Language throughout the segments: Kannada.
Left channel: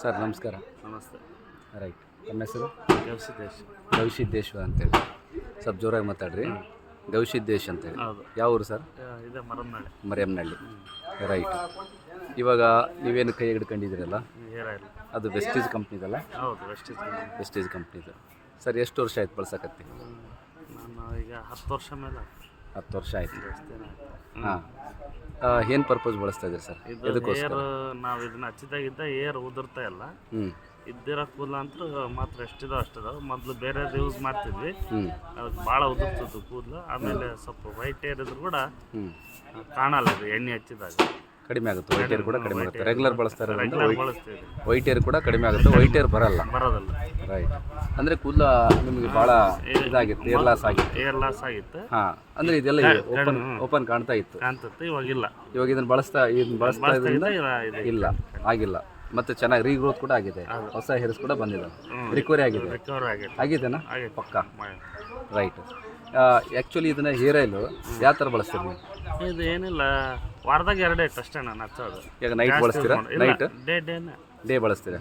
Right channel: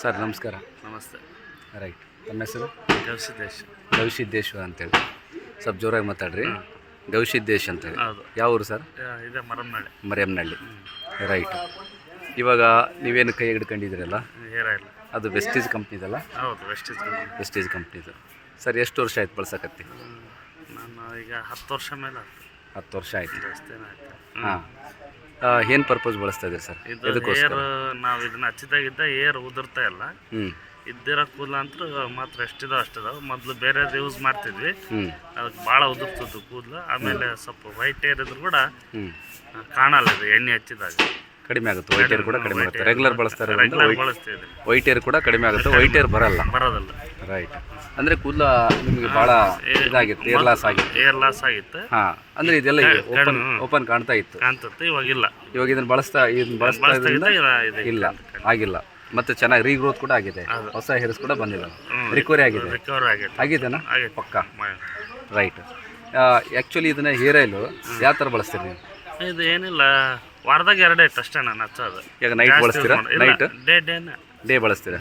ಸರ್ ನಮಸ್ಕಾರ. ನಮಸ್ತೆ. ರೈಟ್, ನಮ್ಮ ಹೆಸರು ಗವಿಸಿದ್ದೇಶ್. ಗವಿಸಿದ್ದೇಶ್ವರ ಅಂತೇಳಿ. ಸ್ವಲ್ಪ ಜೋರಾಗಿ ಮಾತಾಡ್ರಿ. ಗವಿಸಿದ್ದೇಶ್ ಅಂತೇಳಿ. ಹೌದು. ಯಾವ ಊರು ಸರ್? ಇದೆ ಮರಮ್ನಳ್ಳಿ. ಮರಿಯಮ್ನಹಳ್ಳಿ. ರೈಟ್. ಇವಾಗ ನೀವೇನು ಕೈ ಹಿಡ್ಕೊಂಡಿದ್ದೀರಲ್ಲ, ಹೇರ್ ಆಯಿಲ್. ಅದು ವೆಸ್ಟೀಜ್ ಕಂಪ್ನಿದಲ್ಲ? ಹೌದು, ವೆಸ್ಟೀಜ್. ವೆಸ್ಟೀಜ್ ಕಂಪ್ನಿದು. ಸರ್ ಎಷ್ಟು ವರ್ಷ ಆಯ್ತು ಬಳಸಕತ್ತಿ? ನಾನು ಈಗ 10 ವರ್ಷ ಮೇಲೆ ಆಯ್ತು. 10 ವರ್ಷ ಆಯ್ತು. ಜಾಸ್ತಿ ಆಯ್ತು. ಹಾಂ. ಏನು ಪರ್ಪಸ್ ಬಳಸ್ತಾ ಇದ್ದೀರಿ ಸರ್? ಇದು ಹೇರ್ ನಾವು ಇದನ್ನ ಹಚ್ಚಿದಾಗಿದ್ದ ಹೇರ್ ಉದುರ್ತಾ ಇಲ್ಲ. ಇದ್ದಿರೋ ಕೂದಲ ಅಂತೂ ಮಾತ್ರ ಎಷ್ಟಿದಾವೆ ಅಷ್ಟಿದಾವೆ. ಮೊದಲು ಬೇರೆದು ಯೂಸ್ ಮಾಡ್ತಿದ್ವಿ, ಅದಕ್ಕೆ ಭಾಳ ಉದುರ್ತದ್ದು ಕೂದಲು. ಆಮೇಲೆ ಸ್ವಲ್ಪ ವೈಟ್ ಹೇರ್ ಇದ್ರು ಕೂಡ ಕಾಣಲ್ಲ ಇದು ಎಣ್ಣೆ ಹಚ್ಚಿದಾಗ. ಕಡಿಮೆ ಆಗುತ್ತೆ. ವೈಟ್ ಹೇರ್ ಕೂಡ ಕಡಿಮೆ ಆಗುತ್ತೆ. ರೆಗ್ಯುಲರ್ ಬಳಸ್ತಾರೆ. ಬಳಸ್ತಿದ್ವಿ. ವೈಟ್ ಹೇರ್ ಕೂಡ ಕಡಿಮೆ ಆಗುತ್ತೆ, ವೈಟ್ ಹೇರ್ ಬರೋದಿಲ್ಲ. ರೈಟ್. ಅಂದರೆ ಕೂದಲ ನಿಮಗೆ ಭಾಳ ಇದಾಗಿತ್ತು, ಏರ್ ಲಾಸ್ ಆಗಿತ್ತು. ಏರ್ ಲಾಸ್ ಆಗಿತ್ತು. ಹಾಂ, ಅಂದರೆ ಇದೆಲ್ಲ ಓಪನ್ ಕಾಣ್ತಾ ಇತ್ತು. ಕಾಣ್ತತ್ತೆ, ಇವಾಗಿಲ್ಲ. ಇವಾಗ ಇದನ್ನು ಬಳಸ್ತಾ ಇದ್ರಿಂದ ಇಲ್ಲ, ಆಗಿಲ್ಲ. ಮತ್ತೆ ಚೆನ್ನಾಗಿ ರೀಗ್ರೋತ್ ಕೂಡ ಆಗಿದೆ, ಹೊಸ ಹೇರ್ಸ್ ಕೂಡ ಬಂದಿದೆ, ರಿಕವರಿ ಆಗಿದೆ. ಆಗಿದೆನಾ? ಪಕ್ಕ. ರೈಟ್. ಆ್ಯಕ್ಚುಲಿ ಇದನ್ನ ಹೇರ್ ಆಯಿಲು ಯಾವ ಥರ ಬಳಸ್ತೀರಿ ನೀವು? ಇದು ಏನಿಲ್ಲ, ವಾರದಾಗ 2 ಡೇಟ್ ಅಷ್ಟೇ ನಾನು ಹಚ್ಚೋದು. ಈಗ ನೈಟ್ ಬಳಸ್ತೀರಾ? ನೈಟ್ ಡೇ ಬಳಸ್ತೀರಾ?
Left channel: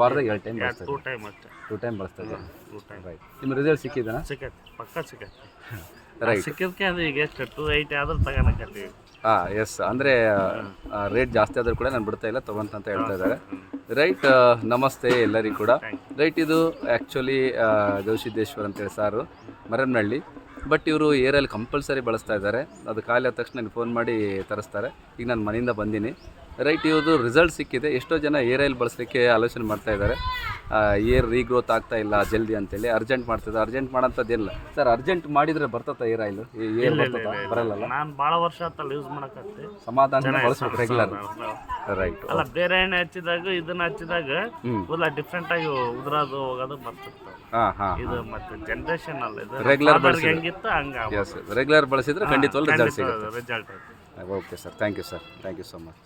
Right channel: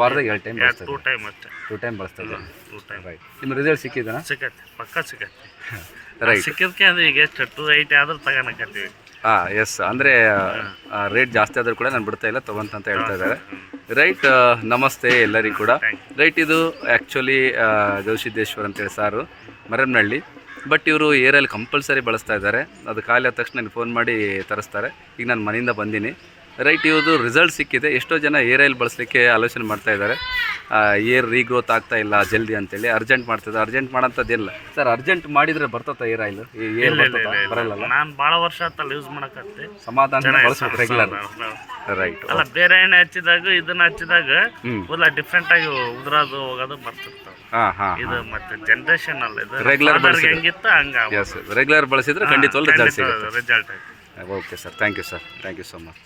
ವಾರದಾಗ 2 ಟೈಮ್ ಬಳಸ್ತೀರಾ? 2 ಟೈಮ್ ಅಷ್ಟೇ. 2 ಟೈಮ್ ಬಳಸ್ತೀರಾ? 2 ಟೈಮ್. ರೈಟ್. ನಿಮ್ಮ ರಿಸಲ್ಟ್ ಸಿಕ್ಕಿದನಾ? ಸಿಕ್ಕತ್ತೆ, ಪಕ್ಕ ಸಿಕ್ಕತ್ತೆ. ರೈಟ್. ಸಿಕ್ಕಿದ್ಕೆ ಅದು ಈಗ ಎಷ್ಟು 280 ಆದ್ರೂ ತಗೋಣಕತ್ತೀವಿ. ಹಾಂ, ಎಸ್. ಅಂದರೆ ರೇಟ್ ಜಾಸ್ತಿ ಆದರೂ ಕೂಡ ನಾನು ಬಿಡ್ತಾ ಇಲ್ಲ, ತೊಗೊಂತ ಹೇಳ್ತಾ ಇದ್ದಾರೆ. ರೈಟ್. ನಮಸ್ತೆ ಎಲ್ಲರಿಗೂ ಕೂಡ. ರೈಟ್. ಇದು ಆ್ಯಕ್ಚುಲಿ ಗವಿಸಿದ್ದೇಶ್ವರ ಅಂತೇಳಿ ಸಾರು, ಮರಮ್ನಹಳ್ಳಿ. ಬಟ್ ಇವರು ಏರಲ್ಲಿ ಕಂಪಲ್ಸರಿ ಬಳಸ್ತಾ ಇದ್ದಾರೆ. ಅದು ಖಾಲಿ ಆದ ತಕ್ಷಣ ನನಗೆ ಫೋನ್ ಮಾಡಿ ತರಿಸ್ತಾರೆ. ಈಗ ನಾನು ಮನೆಯಿಂದ ಬಂದೀನಿ. ರೈಟ್. ಇವ್ರದ್ದು ರಿಸಲ್ಟ್ ಸಿಕ್ಕಿದೆ. ಎಷ್ಟೋ ಜನ ಏರ್ ಆಯಿಲ್ ಬಳಸಲಿಕ್ಕೆ ಆಲೋಚನೆ ಮಾಡ್ತಾ ಇದ್ದಾರೆ. ಏರ್ ರೀಗ್ರೋತ್ ಆಗ್ತಾ ಇಲ್ಲ ಜಲ್ದಿ ಅಂತೇಳಿ ಅರ್ಜೆಂಟ್ ಮಾಡ್ತಿದ್ದೆ. Urgent ಮಾಡೋಂಥದ್ದಿಲ್ಲ sir. ಅರ್ಜೆಂಟ್ ಮಾಡಿದರೆ ಬರ್ತತ್ತ ಏರ್ ಆಯಿಲ್? ಏರ್ ಬರಲ್ಲ. ನಾನು ಭಾಳ ವರ್ಷ ಆತಲ್ಲ ಯೂಸ್ ಮಾಡಕತ್ತೆ. ಸಮಾಧಾನ ಬಳಸ್ಬೇಕು ರೆಗ್ಯುಲರ್. ರೈಟ್. ಅಲ್ಲ, ಬೇರೆ ಎಣ್ಣೆ ಹಚ್ಚಿದಾಗ ಇದನ್ನ ಹಚ್ಚಿದಾಗ ಕೂದಲ ಡಿಫ್ರೆಂಟ್ ಆಗಿ ಉದುರೋದು ಹೋಗೋದು ಬರ್ತಿರ್ತಾವೆ. ಇದು ಮತ್ತೆ ಜನರೇಷನ್ ಅಲ್ಲ, ಇದು ರೆಗ್ಯುಲರ್ ಹೆಂಗಿತ್ತು ಹಂಗ. ರೆಗ್ಯುಲರ್ ಬಳಸಿದ್ರೆ ಖಂಡಿತವಾಗ್ಲೂ ರಿಸಲ್ಟ್ ಸಿಗುತ್ತೆ. Result. Okay sir, thank you sir, thank you so much.